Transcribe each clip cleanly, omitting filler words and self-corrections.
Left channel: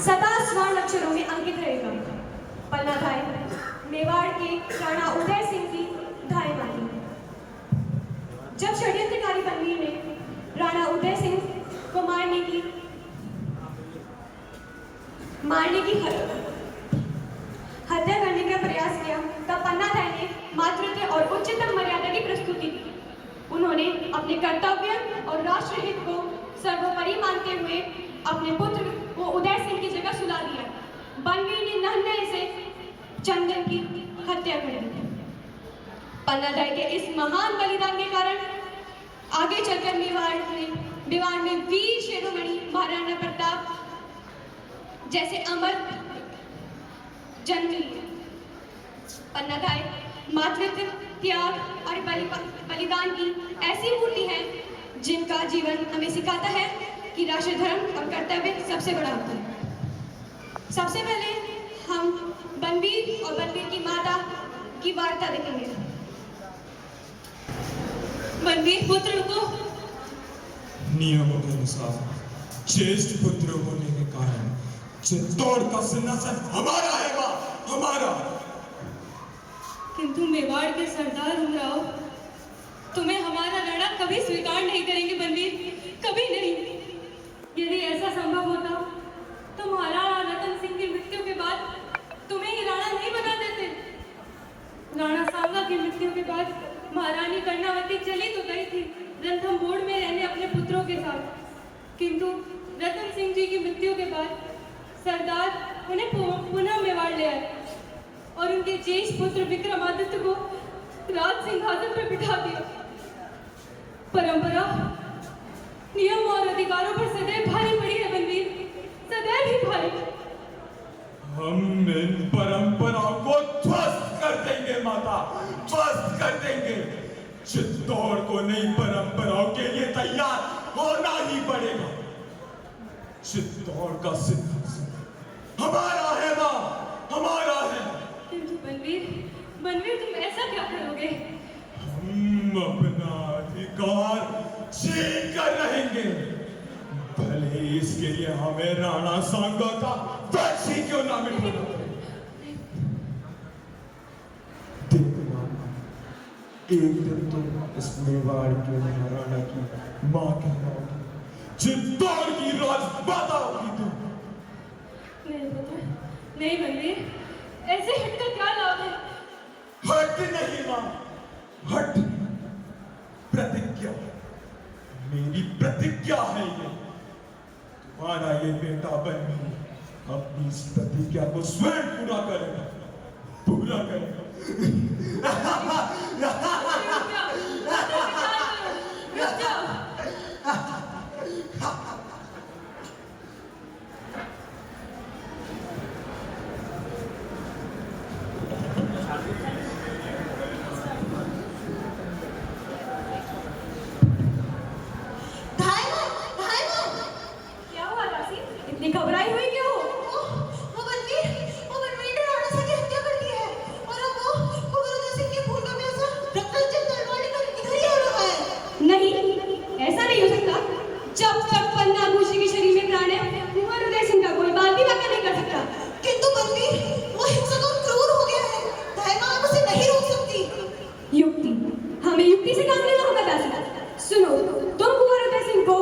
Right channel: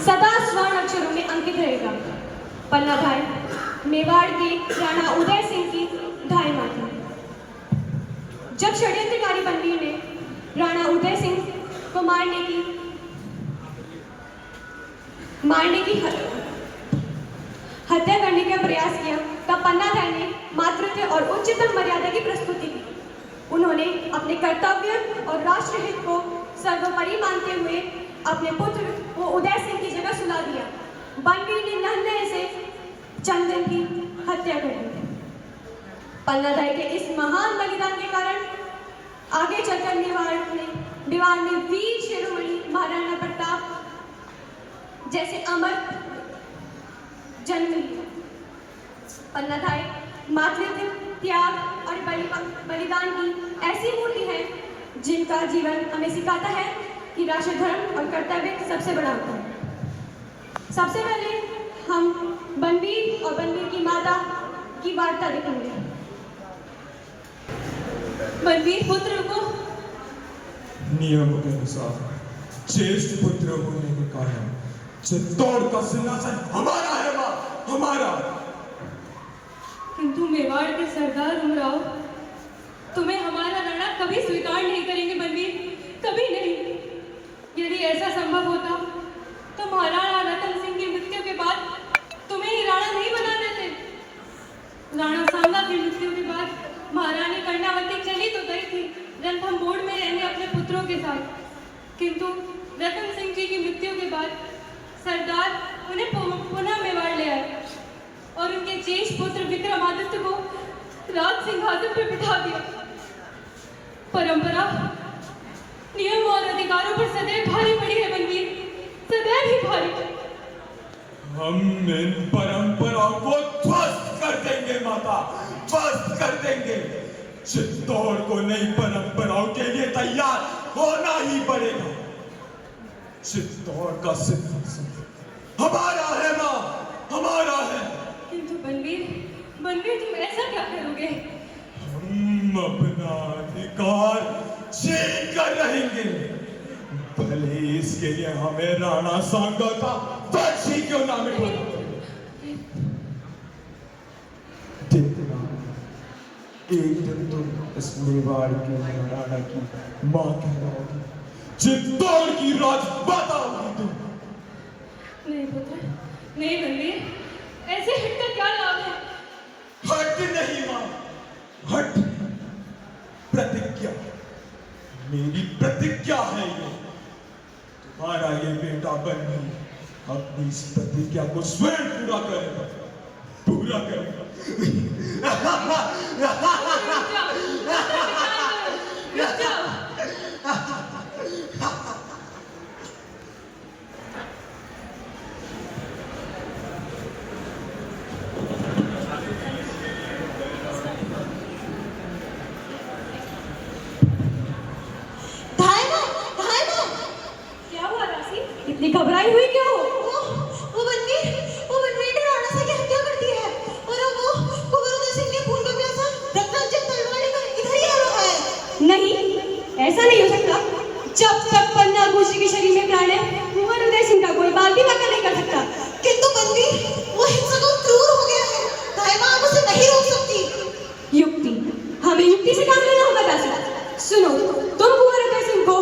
सदा स्वर्ण अक्षरों में अंकित रहेगा। पन्ना धाय मेवाड़ के राणा उदय सिंह की धाय मानी। जब षड्यंत्रकारी बलबीर ने राणा उदय सिंह को मारने की हत्या करने का प्रयास किया, तब पन्ना धाय ने मातृत्व और उच्चतम मर्यादा की प्रस्तुति की। उन्होंने अपने कर्तव्य और राष्ट्रहित को सर्वोपरि मानते हुए अपने पुत्र को उदय सिंह की जगह सुला दिया। बलबीर ने नन्हे से चंदन की हत्या कर दी। पन्ना धाय के इस महान बलिदान के कारण आगे चलकर मेवाड़ में वीर शिरोमणि महाराणा प्रताप जैसे अमर जन्म लिए। पन्ना धाय मातृत्व, त्याग और बलिदान की ऐसी मूर्ति है जिनका जीवन हमें सिखाता है कि राष्ट्र धर्म और कर्तव्य सबसे बड़ा होता है। सबसे पहले हम बलबीर और बलबीर की माता की वार्ता देखेंगे। बलबीर पुत्र को नियमों के अनुसार ज्येष्ठ पुत्र होने के कारण चित्तौड़ का सिंहासन हमारा है मां, हमारा। किंतु मेवाड़ के सरदार उमराव तुम्हें हमारा राणा कभी स्वीकार नहीं करेंगे बलबीर, कभी नहीं। यदि ऐसा संभव होता तो महाराणा रतन सिंह की मृत्यु के बाद तुम्हें ही राणा नहीं बना देते। राणा सांगा की मृत्यु के बाद महारानी कर्णावती चली तो गई थी रणथंभौर में रहने अपने पुत्रों के साथ, किंतु रतन सिंह जी की मृत्यु के बाद सरदार उन्हें पुनः मेवाड़ ले आए और उनके ज्येष्ठ पुत्र विक्रमादित्य को राज सिंहासन पर बिठा दिया। परंपरा, नियम और अधिकारों पर सदैव भारी पड़ी है बलबीर, सदैव ही भारी। हम इन परंपराओं को ध्वस्त कर देंगे माता, ध्वस्त कर देंगे। चित्तौड़ को नई परंपराओं के लिए तैयार होना ही पड़ेगा। चित्तौड़ का सिंहासन हमारा है मां, हमारा है। किंतु बलबीर तुम ऐसा क्या करोगे? हम अपना अधिकार छीन कर रहेंगे, भले इसके लिए हमें राणा सांगा का वंश ही क्यों ना मिटाना पड़े। देखना, एक दिन तुम इस मेवाड़ के महाराणा की मां कहलाओगी, चित्तौड़ की राजमाता होगी तुम। नहीं पुत्र, नहीं बलबीर, ऐसे हटकर क्या लाभ है? हट नहीं मां, हट। प्रतिज्ञा, मेरी प्रतिज्ञा है ये। तुम्हारा ये बेटा बलबीर अपनी इस प्रतिज्ञा को स्वयं पूरा करेगा, पूरा करेगा। रुक जाओ। इतनी घबराई हुई क्यों? वो बलबीर ने राणा से हत्या कर दी है और वो कुंवर उदय सिंह के खून का प्यासा रक्तचंद तलवारी पर इधर ही आ रहा है। नहीं, ऐसा नहीं हो सकता। जब तक पन्ना भूषी के शरीर में प्राण है, कुंवर उदय सिंह का कोई बाल भी वाक़ई नहीं कर सकता। किंतु बलबीर वो हिंसक और क्रूर हो गया है, दाइमा आप उसे नहीं रोक सकती। युक्ति, हमें युक्ति से काम लेना होगा दासी। सुनो, तुम कुंवर उदय सिंह को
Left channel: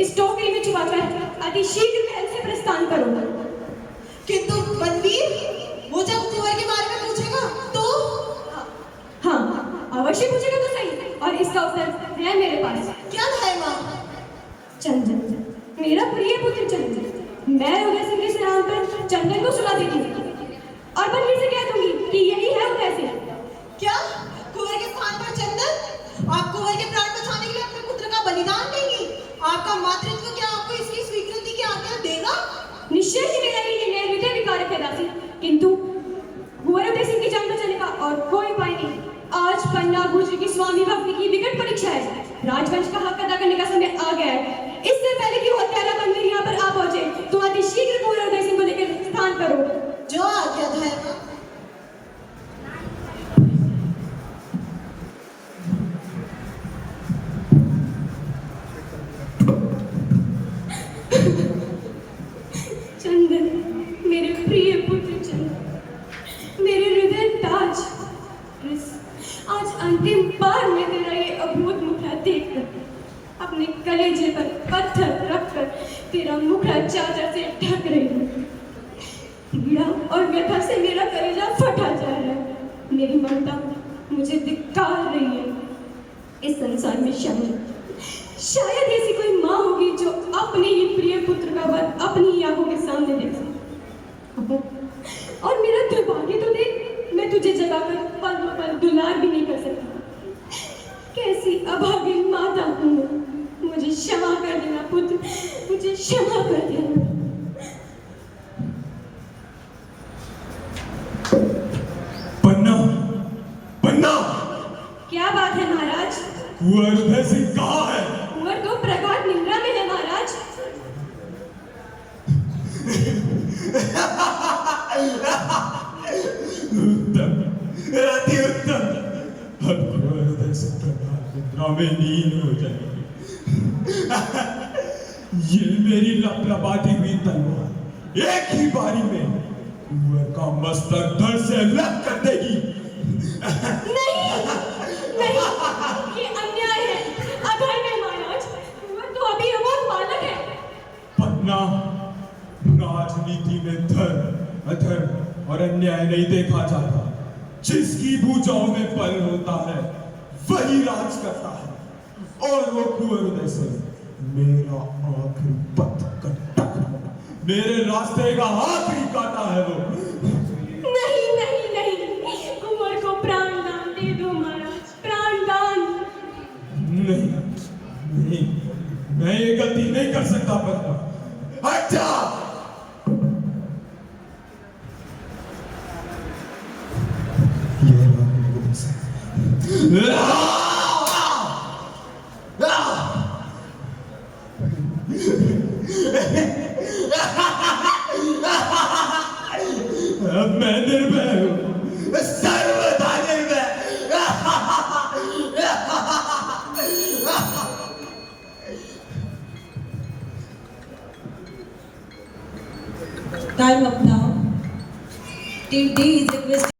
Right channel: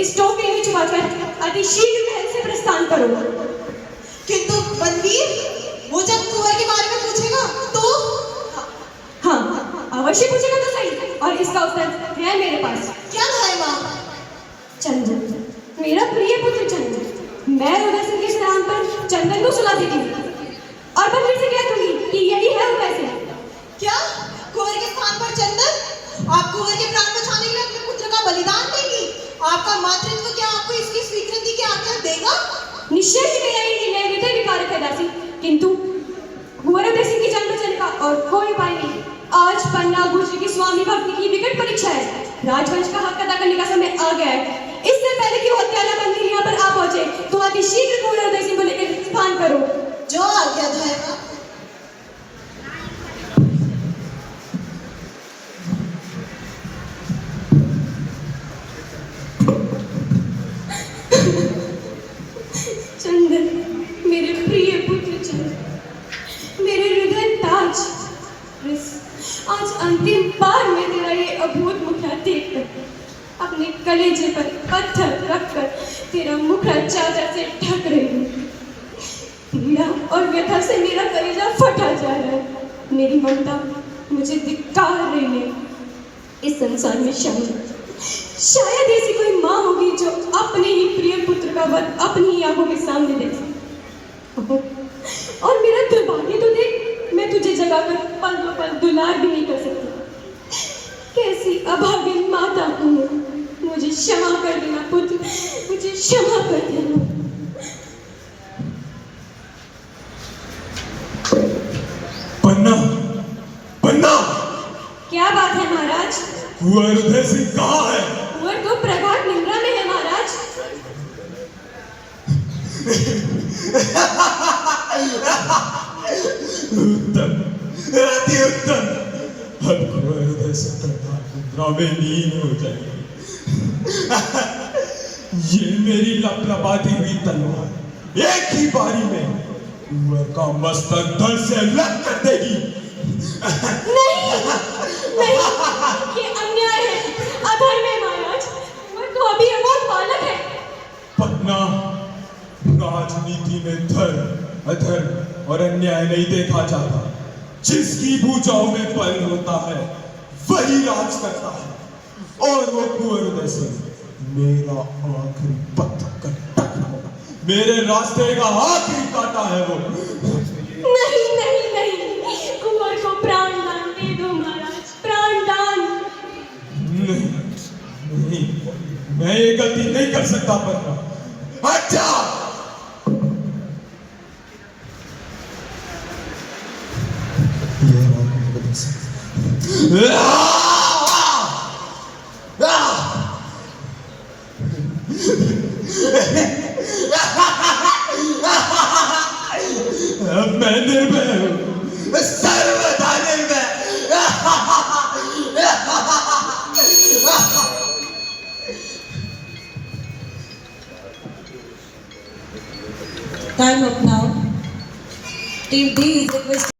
इस टोकरी में छुपाकर अति शीघ्र महल से प्रस्थान करो। किंतु बलबीर वो जब कुंवर के बारे में पूछेगा तो? हाँ, अवश्य पूछेगा तो सही, और इसका उत्तर है मेरे पास। क्या दाइमा? चंदन, मेरा प्रिय पुत्र चंदन। मैं उदय सिंह के श्राद्ध पर चंदन को सुला देती हूँ और बलबीर से कह दूंगी कि यही है उदय सिंह। क्या कुंवर के स्थान पर चंदन? आप कुंवर के प्राण बचाने के लिए अपने पुत्र का बलिदान देंगी? आपका मातृत्व क्या आपको इसकी स्वीकृति की आज्ञा देगा? निश्चय ही मेरा ये निर्णय हृदय विकारक है दासी, किंतु कुंवर उदय सिंह की जान बचाने का और कोई उपाय नहीं। आज पन्ना भूषी की स्वामी भक्ति की विकट परीक्षा है। राजवंश का हक अदा करने का समय आ गया है। इससे पहले कि वो हत्यारा बलबीर यहाँ पर आ पहुंचे, तुम अति शीघ्र कुंवर उदय सिंह को लेकर स्थान करो। जो आज्ञा दाइमा। चंदन, मेरे प्रिय पुत्र चंदन, मेरे हृदय ताज, बस आज अंतिम बार मैं तेरा ये अभूत मुखड़ा देखकर अपने कलेजे पर पत्थर रखकर तेरा मुखड़ा चादर से ढक रही हूँ। पीड़ा और व्यथा से मेरा कलेजा फटा जा रहा है। मेरी ममता मुझे धिक्कार रही है। इस संसार में शायद ऐसी कोई माँ होगी जो अपने ही प्रिय पुत्र का वध अपनी ही आंखों के सामने देखे। और मेरा दुर्भाग्य तो देख, मैं तुझे जगाकर पल पल दुलार भी नहीं कर सकती। कैसी अभागिन माता हूँ मैं। मुझे क्षमा कर देना पुत्र, मुझे क्षमा कर देना। पन्ना, पन्ना, क्या बात है महाराज? कुंवर उदय सिंह कहाँ है? कुंवर तो प्रगाढ़ निद्रा में है महाराज। उत्तम, अति उत्तम। अब कुंवर उदय सिंह प्रगाढ़ निद्रा में लीन हो जाएगी। ये मेरी लपलपाती हुई तलवार एक ही बारी में कुंवर का मस्तक धड़ से अलग कर देगी। नहीं, नहीं, ये अन्याय है, अधर्म है महाराज। कुंवर तो अभी अबोध बालक है। पन्ना, राजनीति में धर्म, अधर्म और अन्याय नहीं देखा जाता। जिसकी भुजाओं में बल होता है वही राज करता है। और वो कुंवर उदय सिंह मेरा आखिरी पत्थर का टकरा होगा। मेरे रास्ते का आखिरी कांटा है वो। नहीं, नहीं, नहीं, कुंवर को प्राण दान दे दो महाराज, प्राण दान। नहीं, नहीं, मैं ये गलती नहीं कर सकता। पन्ना, हट जा। ये रात उदय सिंह। अब मैं निर्भय हूँ, सर्वथा निर्भय। Time up now. Team D is requested.